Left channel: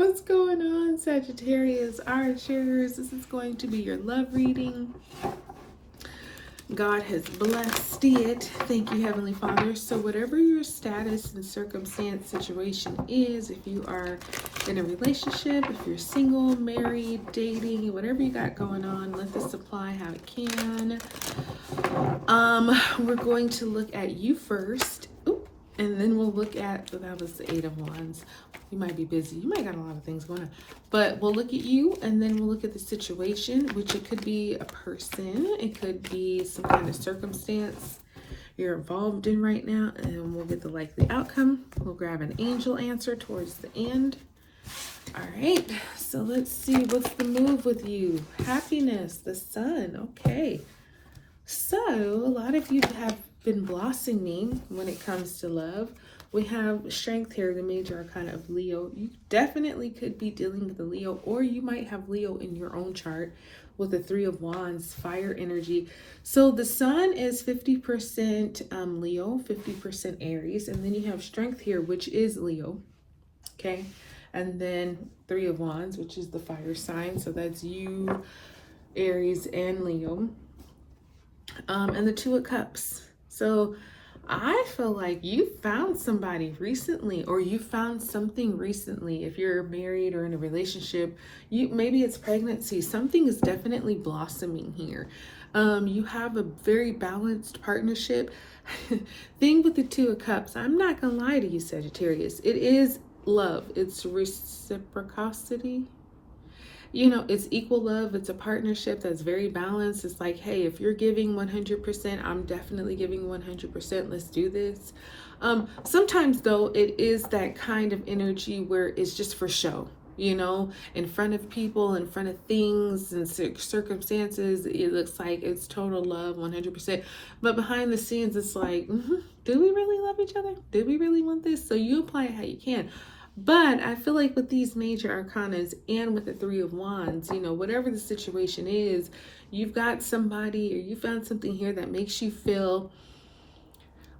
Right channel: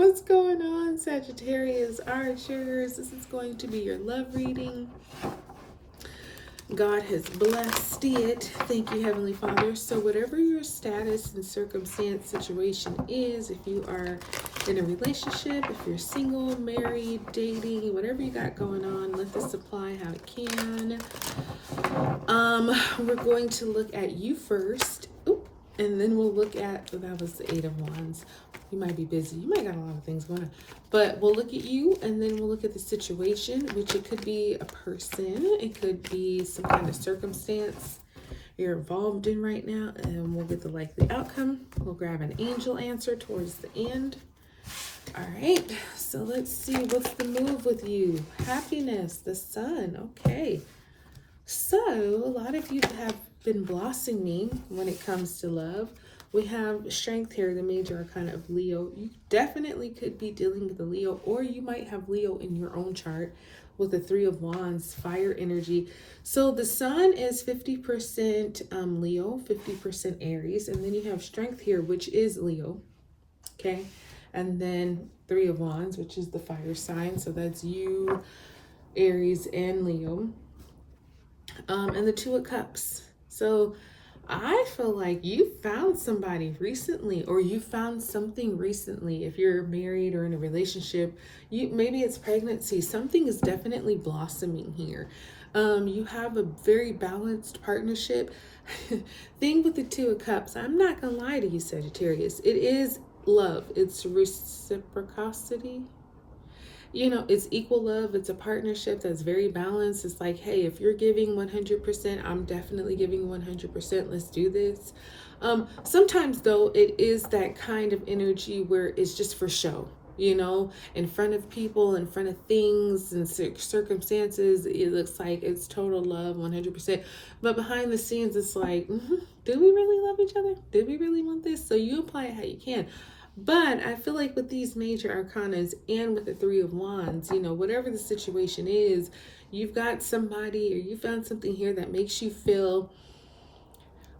What's going on, Sagittarius Archers? This is going to be your love reading. God has blessed it. Thank you, Heavenly Father. So whatever your status and circumstance situation is, if you are in a relationship, if you're single, married, dating, whatever you got going on, let this apply how it can. We're going to look at you first. Oop, and then we'll look at, that was the Eight of Wands. You might be busy. You might got a lot of things going on. But we'll look at you, and then we'll look at the situation, which it could be a person. It could be some kind of circumstance you're involved in right now, and we'll get the likely outcome. We'll grab an angel answer towards the end. All right, so let's see. What's the move with you? Happiness, the sun. Okay. So a lot of you have been blossoming when it comes to love. We have strength here, the major arcana of Leo. You definitely could be dealing with a Leo, or you might have Leo in your own chart with the Three of Wands, fire energy. So the sun is 50% Leo, 50% Aries, and then you have strength here, which is Leo, okay? And then Three of Wands, which is the fire sign. So that's you, Aries, and Leo. And the Two of Cups. So I feel like you found somebody recently, or you found something recently. If you're married or in a relationship, maybe it's pregnancy. Something is definitely blossoming here. You have a very balanced partnership. Thing with the Two of Cups, I'm not gonna lie to you, Sagittarius. It is love. It's reciprocity. You know, it's equal love. It's a partnership that's very balanced. It's like, hey, if you're giving 100%, I'm definitely giving 100%. Let's do this. Sometimes, though, it is that kind of energy where it's just for show, you know, in front of people, in front of things and circumstances. It looks like it's total love, 100%. But behind the scenes, it's like, do we really love each other? Do we really want this? So you apply it how you can. But I feel like with these major arcanas and with the Three of Wands, you know, whatever the situation is, you've got somebody or you found something here that makes you feel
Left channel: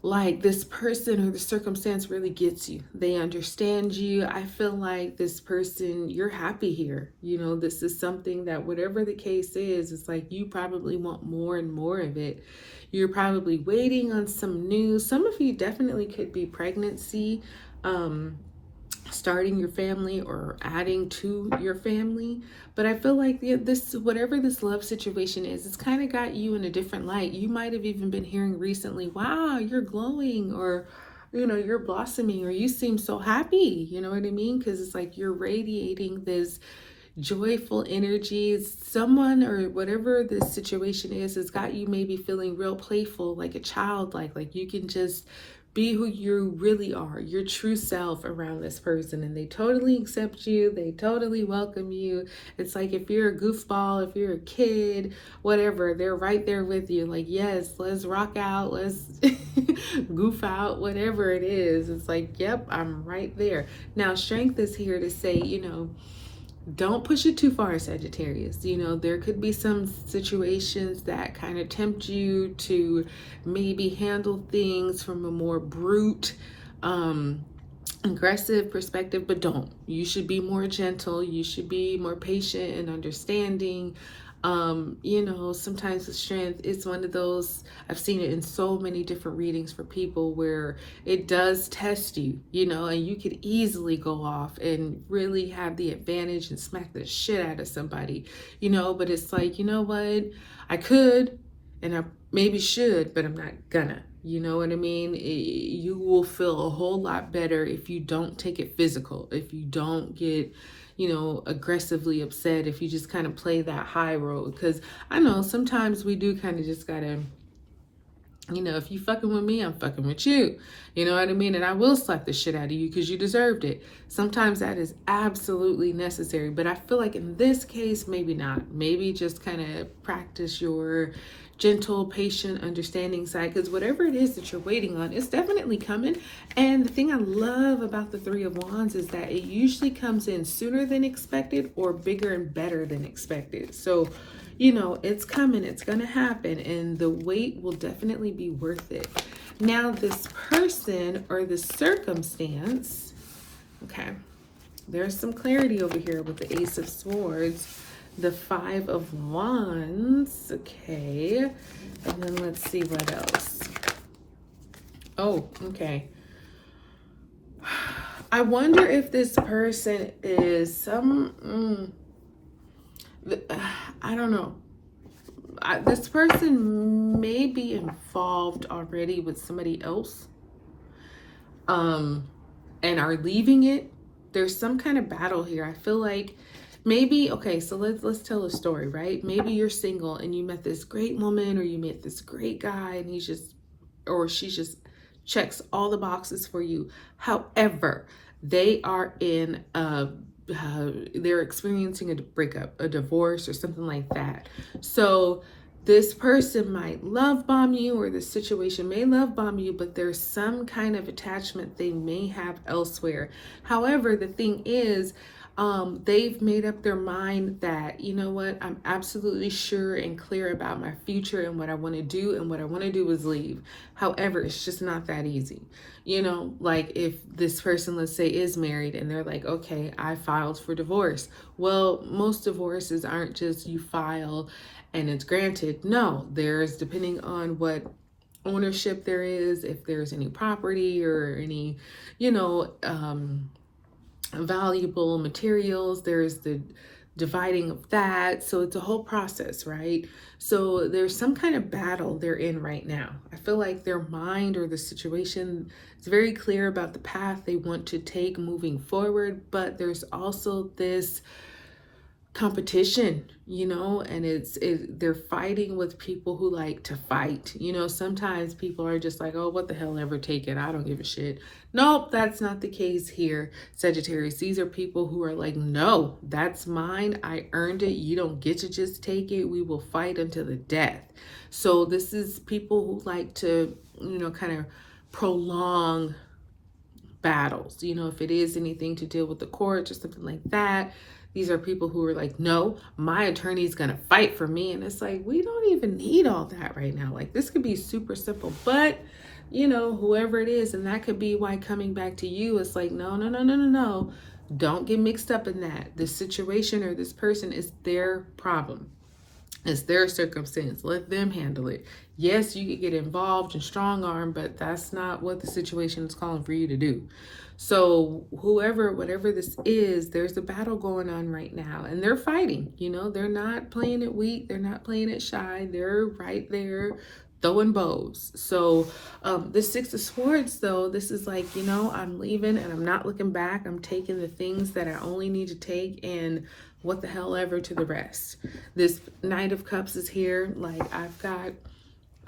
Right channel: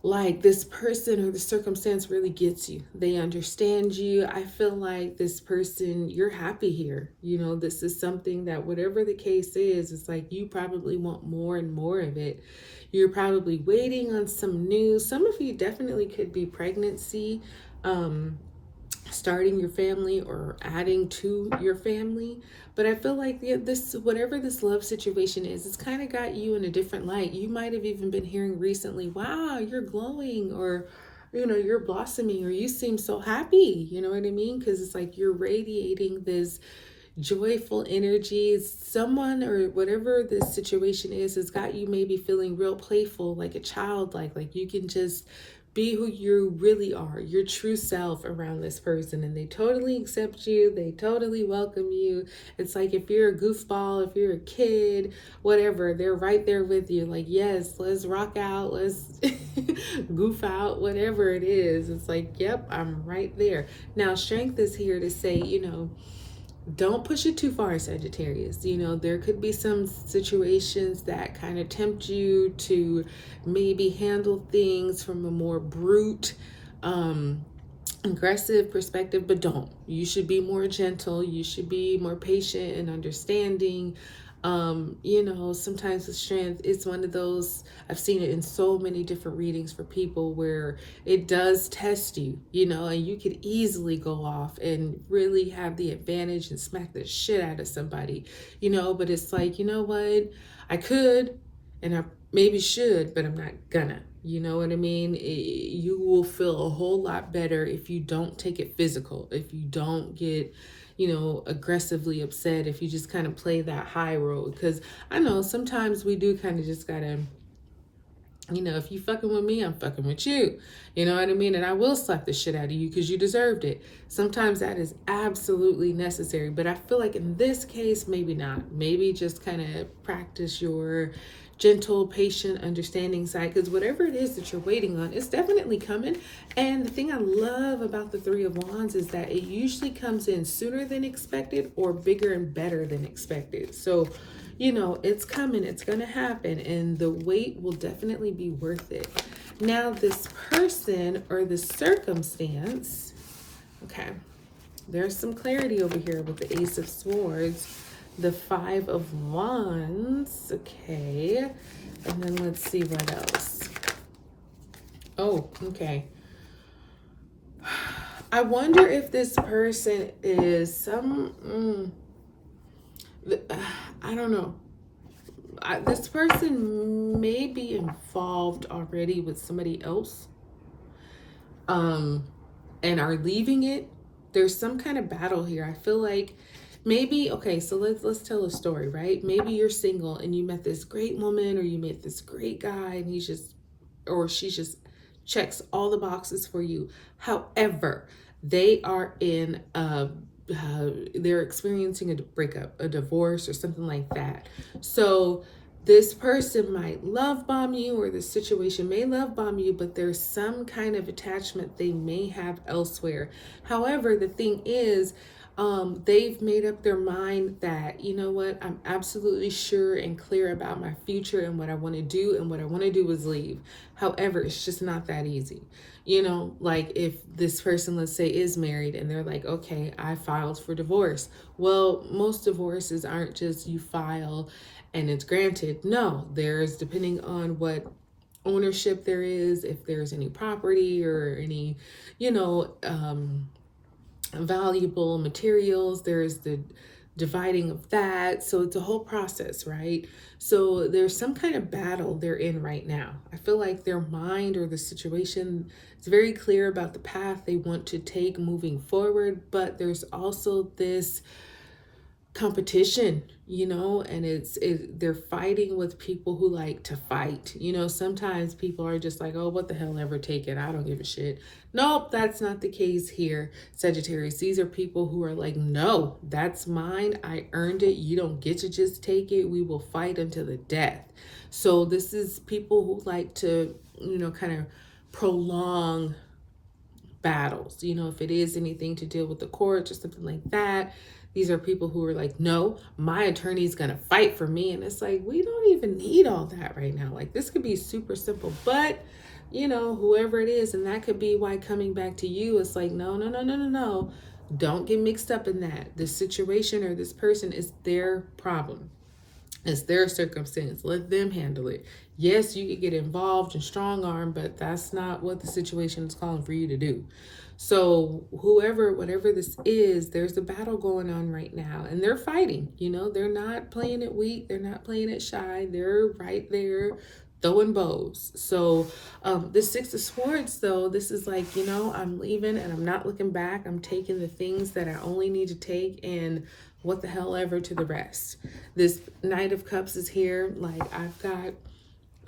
like this person or the circumstance really gets you. They understand you. I feel like this person, you're happy here. You know, this is something that whatever the case is, it's like you probably want more and more of it. You're probably waiting on some news. Some of you definitely could be pregnancy, starting your family or adding to your family. But I feel like this, whatever this love situation is, it's kind of got you in a different light. You might have even been hearing recently, wow, you're glowing, or, you know, you're blossoming, or you seem so happy. You know what I mean? Because it's like you're radiating this joyful energy. Someone or whatever this situation is has got you maybe feeling real playful, like a child, like you can just be who you really are, your true self around this person, and they totally accept you. They totally welcome you. It's like if you're a goofball, if you're a kid, whatever, they're right there with you. Like, yes, let's rock out, let's goof out, whatever it is. It's like, yep, I'm right there. Now, strength is here to say, you know, don't push it too far, Sagittarius. You know, there could be some situations that kind of tempt you to maybe handle things from a more brute, aggressive perspective, but don't. You should be more gentle. You should be more patient and understanding. You know, sometimes the strength is one of those, I've seen it in so many different readings for people where it does test you, you know, and you could easily go off and really have the advantage and smack the shit out of somebody, you know, but it's like, you know what, I could, and I maybe should, but I'm not gonna, you know what I mean? You will feel a whole lot better if you don't take it physical, if you don't get, you know, aggressively upset, if you just kind of play that high road. Because I know sometimes we do kind of just gotta, you know, if you fucking with me, I'm fucking with you. You know what I mean? And I will slap the shit out of you because you deserved it. Sometimes that is absolutely necessary. But I feel like in this case, maybe not. Maybe just kind of practice your gentle, patient, understanding side, because whatever it is that you're waiting on, it's definitely coming. And the thing I love about the Three of Wands is that it usually comes in sooner than expected or bigger and better than expected. So, you know, it's coming, it's going to happen, and the wait will definitely be worth it. Now, this person or the circumstance, okay, there's some clarity over here with the Ace of Swords, the Five of Wands. Okay. And then let's see what else. Oh, okay. I wonder if this person is I don't know. This person may be involved already with somebody else, and are leaving it. There's some kind of battle here. I feel like maybe, okay, so let's tell a story, right? Maybe you're single and you met this great woman, or you met this great guy, and he's just, or she just checks all the boxes for you. However, they are in they're experiencing a breakup, a divorce, or something like that. So this person might love bomb you, or this situation may love bomb you, but there's some kind of attachment they may have elsewhere. However, the thing is, they've made up their mind that, you know what, I'm absolutely sure and clear about my future and what I want to do, and what I want to do is leave. However, it's just not that easy. You know, like if this person, let's say, is married and they're like, okay, I filed for divorce. Well, most divorces aren't just you file and it's granted. No, there's, depending on what ownership there is, if there's any property or any, you know, valuable materials, there's the dividing of that. So it's a whole process, right? So there's some kind of battle they're in right now. I feel like their mind or the situation is very clear about the path they want to take moving forward, but there's also this competition, you know, and they're fighting with people who like to fight. You know, sometimes people are just like, oh, what the hell, ever take it, I don't give a shit. Nope, that's not the case here, Sagittarius. These are people who are like, no, that's mine, I earned it, you don't get to just take it, we will fight until the death. So this is people who like to, you know, kind of prolong battles. You know, if it is anything to deal with the courts or something like that, these are people who are like, no, my attorney's going to fight for me. And it's like, we don't even need all that right now. Like, this could be super simple, but you know, whoever it is, and that could be why coming back to you, it's like, no, no, no, no, no, no. Don't get mixed up in that. This situation or this person is their problem. It's their circumstance. Let them handle it. Yes, you could get involved and strong arm, but that's not what the situation is calling for you to do. So whoever, whatever this is, there's a battle going on right now, and they're fighting. You know, they're not playing it weak. They're not playing it shy. They're right there throwing bows. So this Six of Swords, though, this is like, you know, I'm leaving and I'm not looking back. I'm taking the things that I only need to take, and what the hell ever to the rest. This Knight of Cups is here. Like, I've got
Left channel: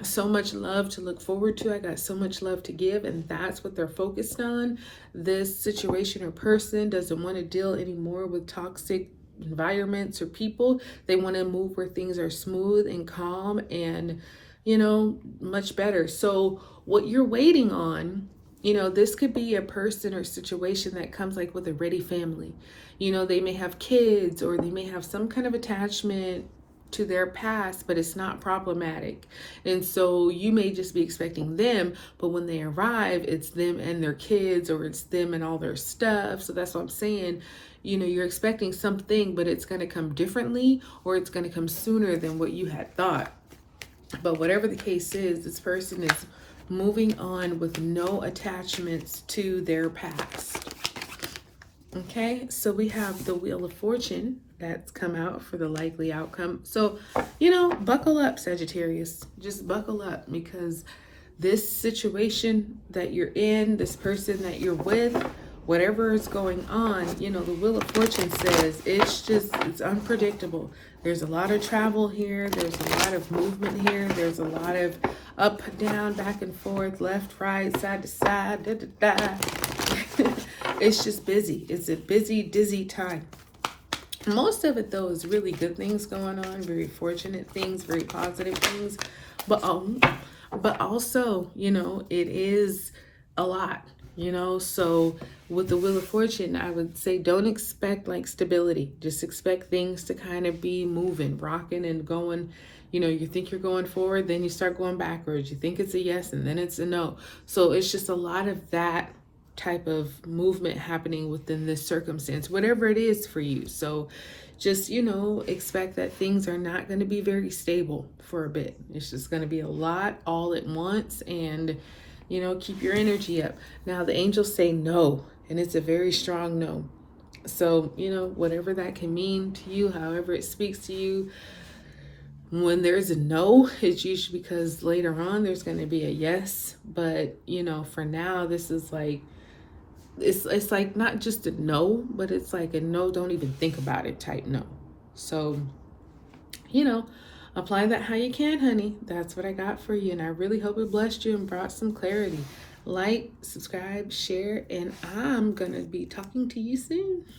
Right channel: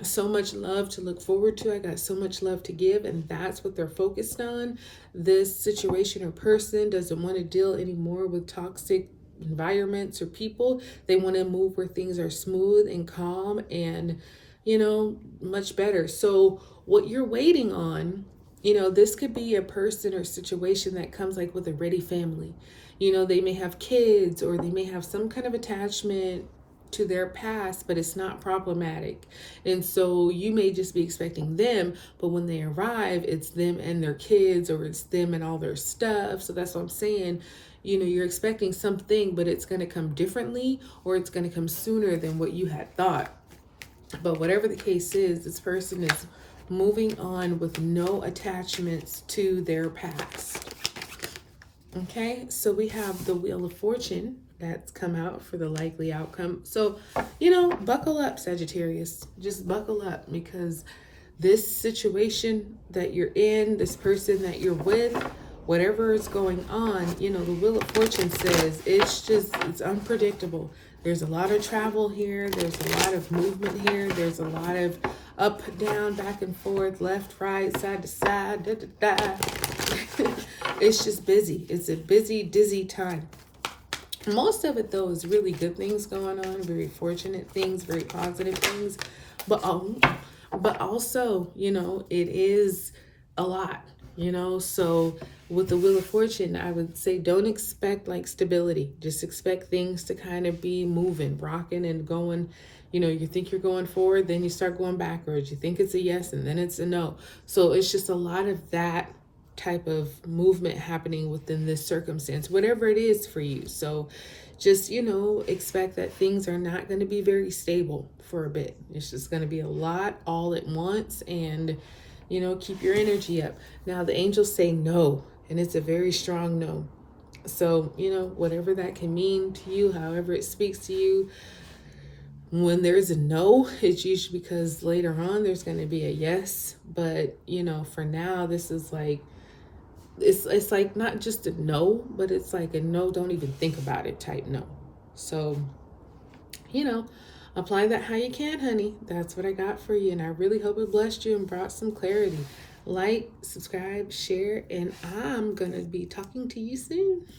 so much love to look forward to. I got so much love to give, and that's what they're focused on. This situation or person doesn't want to deal anymore with toxic environments or people. They want to move where things are smooth and calm and, you know, much better. So what you're waiting on, you know, this could be a person or situation that comes like with a ready family. You know, they may have kids, or they may have some kind of attachment to their past, but it's not problematic. And so you may just be expecting them, but when they arrive, it's them and their kids, or it's them and all their stuff. So that's what I'm saying. You know, you're expecting something, but it's going to come differently, or it's going to come sooner than what you had thought. But whatever the case is, this person is moving on with no attachments to their past. Okay, so we have the Wheel of Fortune that's come out for the likely outcome. So, you know, buckle up, Sagittarius. Just buckle up, because this situation that you're in, this person that you're with, whatever is going on, you know, the Wheel of Fortune says it's unpredictable. There's a lot of travel here. There's a lot of movement here. There's a lot of up, down, back and forth, left, right, side to side, da, da, da. It's just busy. It's a busy, dizzy time. Most of it, though, is really good things going on, very fortunate things, very positive things. But also, you know, it is a lot, you know. So with the Wheel of Fortune, I would say don't expect like stability. Just expect things to kind of be moving, rocking and going. You know, you think you're going forward, then you start going backwards. You think it's a yes, and then it's a no. So it's just a lot of that type of movement happening within this circumstance, whatever it is for you. So just, you know, expect that things are not going to be very stable for a bit. It's just going to be a lot all at once, and, you know, keep your energy up. Now, the angels say no, and it's a very strong no. So, you know, whatever that can mean to you, however it speaks to you, when there's a no, it's usually because later on there's going to be a yes. But, you know, for now, this is like, it's like not just a no, but it's like a no, don't even think about it type no. So, you know, apply that how you can, honey. That's what I got for you, and I really hope it blessed you and brought some clarity. Like, subscribe, share, and I'm gonna be talking to you soon.